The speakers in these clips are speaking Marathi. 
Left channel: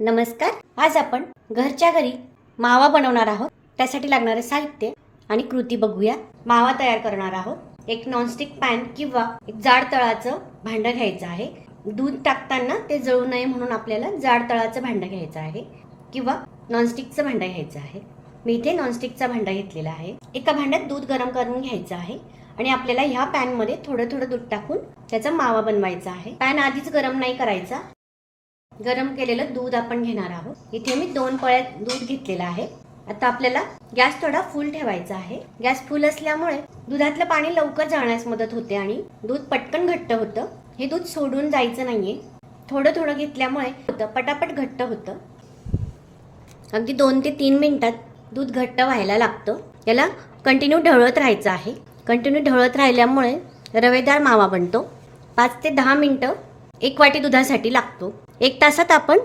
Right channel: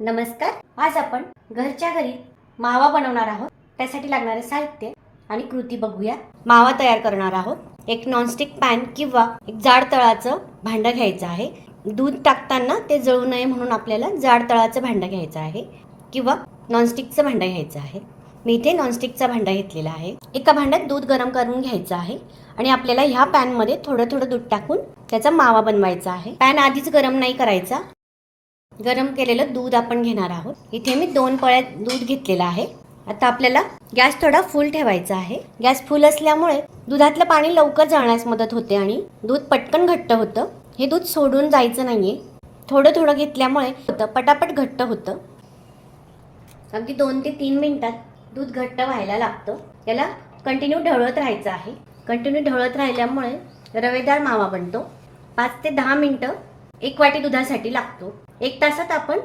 नमस्कार. आज आपण घरच्या घरी मावा बनवणार आहोत. त्यासाठी लागणारे साहित्य आणि कृती बघूया. मावा तयार करणार आहोत. एक नॉनस्टिक पॅन किंवा एक जाड तळाचं भांडं घ्यायचं आहे. दूध टाकताना ते जळू नये म्हणून आपल्याला जाड तळाचं भांडं घ्यायचं आहे किंवा नॉनस्टिकचं भांडं घ्यायचं आहे. मी इथे नॉनस्टिकचा भांडा घेतलेला आहे. एका भांड्यात दूध गरम करून घ्यायचं आहे आणि आपल्याला ह्या पॅनमध्ये थोडं थोडं दूध टाकून त्याचा मावा बनवायचा आहे. पॅन आधीच गरम नाही करायचा. गरम केलेलं दूध आपण घेणार आहोत. इथे मी दोन पळ्यात दूध घेतलेलं आहे. आता आपल्याला गॅस थोडा फुल ठेवायचा आहे. गॅस फुल असल्यामुळे दुधातलं पाणी लवकर जाण्यास मदत होते आणि दूध पटकन घट्ट होतं. हे दूध सोडून जायचं नाहीये. थोडं थोडं घेतल्यामुळे होतं. पटापट घट्ट होतं. अगदी दोन ते तीन मिनिटात दूध घट्ट व्हायला लागतं. याला कंटिन्यू ढवळत राहायचं आहे. कंटिन्यू ढवळत राहिल्यामुळे रवेदार मावा बनतो. पाच ते दहा मिनटं एक वाटी दुधासाठी लागतो. एक तासात आपण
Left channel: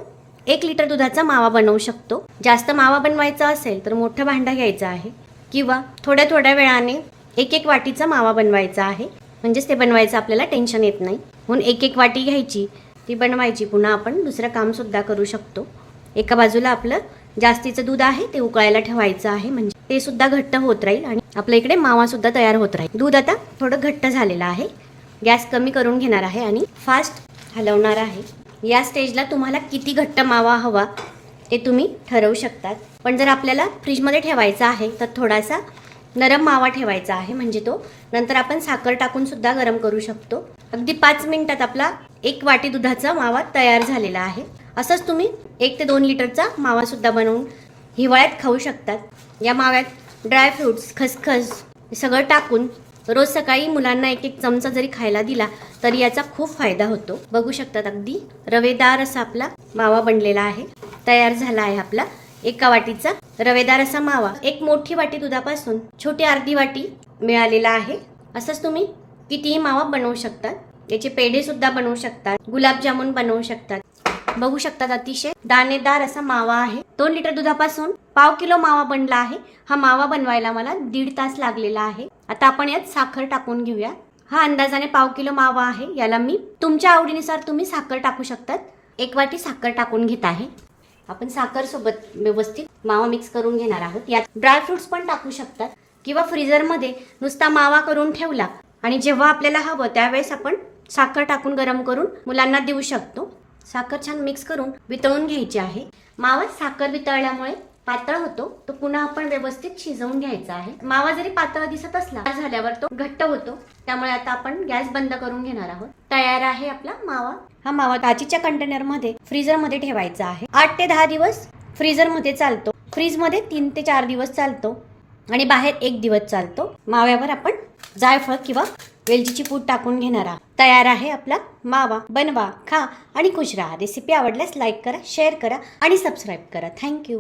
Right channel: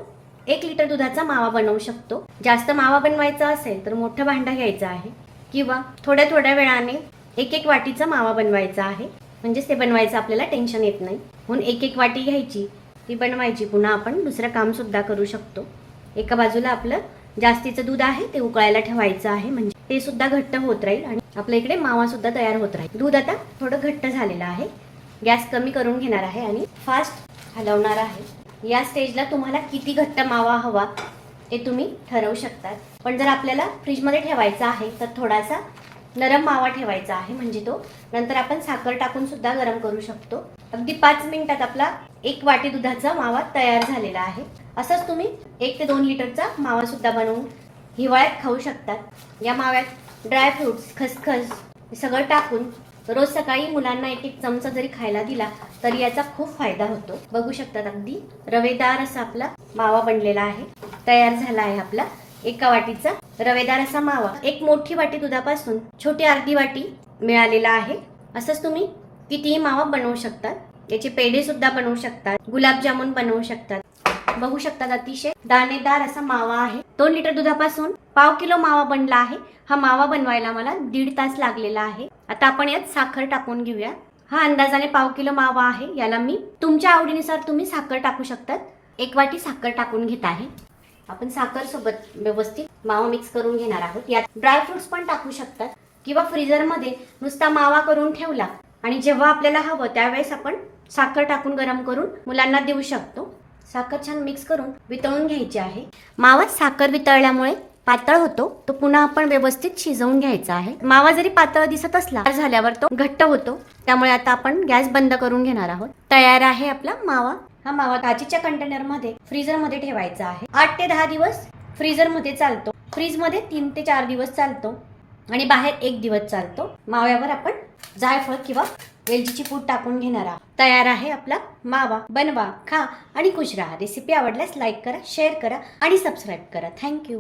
एक लिटर दुधाचा मावा बनवू शकतो. जास्त मावा बनवायचा असेल तर मोठं भांडं घ्यायचं आहे. किंवा थोड्या थोड्या वेळाने एक एक वाटीचा मावा बनवायचा आहे. म्हणजेच ते बनवायचं आपल्याला टेन्शन येत नाही. म्हणून एक एक वाटी घ्यायची ती बनवायची. पुन्हा आपण दुसरं कामसुद्धा करू शकतो. एका बाजूला आपलं जास्तीचं दूध आहे ते उकळायला ठेवायचं आहे. म्हणजे ते सुद्धा घट्ट होत राहील आणि आपल्या इकडे मावासुद्धा तयार होत राहील. दूध आता थोडं घट्ट झालेलं आहे. गॅस कमी करून घेणार आहे आणि फास्ट हलवणार आहे. या स्टेजला तुम्हाला किती घट्ट मावा हवा ते तुम्ही ठरवू शकतात. पण जर आपल्याला फ्रीजमध्ये ठेवायचा आहे तर थोडासा नरम मावा ठेवायचा आहे म्हणजे तो. नंतर आपण साखर टाकून सुद्धा गरम करू शकतो. अगदी पाच मिनिटात आपला एक वाटी दुधाचा मावा तयार झालेला आहे. असंच तुम्ही एक ते दोन लिटरचा मावा सुद्धा बनवून हिवाळ्यात खाऊ शकतात. या माव्यात ड्रायफ्रुट्स खसखस सगळं टाकून रोज सकाळी मुलांना एक एक चमचा जरी खायला दिला तरी याचा खूप फायदा होतो. बघू शकतात अगदी रवेदार असा आपला मावा बनलेला आहे. तयार झाला आहे आपला एका वाटीचा रवेदार असा मावा. एक मोठी वाटी दुधापासून छोटी अर्धी वाटी मिळालेला आहे. असंच तुम्ही कितीही मावा बनवू शकतात. याचे पेढे सुद्धा बनवू शकतात. गुलाबजामुन बनवू शकतात. बघू शकतात अतिशय दाणेदार असा मावा आहे. दोन लिटर दुधापासून पाव किलो मावा बनला आहे. हा मावा बनवायला मला दीड तास लागलेला आहे. आता आपण यात साखर टाकून घेऊया. हा अंदाजाने पाव किलो मावा आहे. याला मी तुमच्या आवडीनुसार तुम्ही साखर टाकू शकतात. एक वाटी साखर टाकून घेत आहे. आपण साखर सोबत व्यवस्थित मावा मिक्स करून घेणार आहोत. यात ड्रायफ्रुट्स पण टाकू शकतात. किंवा फ्रीजरमध्ये नुसता मावा करून ठेवला आणि जेव्हा आपल्याला हवं त्यावेळेस आपण साखर टाकून गरम करून मुलांना देऊ शकतो. साखर छान मिक्स करून वितळून घ्यायची आहे. मावा साखर वितळल्यामुळे पातळ होतो तो पुन्हा आपण व्यवस्थित शिजवून घ्यायचा आहे. मावा जरी पातळ दिसत असला तर झाल्यावर तो घट्ट होतो. त्यामुळे आता आपण गॅस बंद करून घेणार आहोत. तयार आहे आपला मावा. हा मावा काचीच्या कंटेनरमध्ये फ्रीजरमध्ये ठेवायचा आहे. आठ ते दहा दिवस फ्रीजरमध्ये चालतो. फ्रीजमध्ये तीन ते चार दिवस चालतो. आणि बाहेर एक दिवस चालतो. माव्यावर आपण जायफळ किंवा वेलचीची पूड टाकून घेणार आहोत. तयार आहे आपला मावा. बनवा खा आणि खुश राहा. रेसिपी आवडल्यास लाईक करा शेअर करा आणि सबस्क्राईब करा. थँक्यू.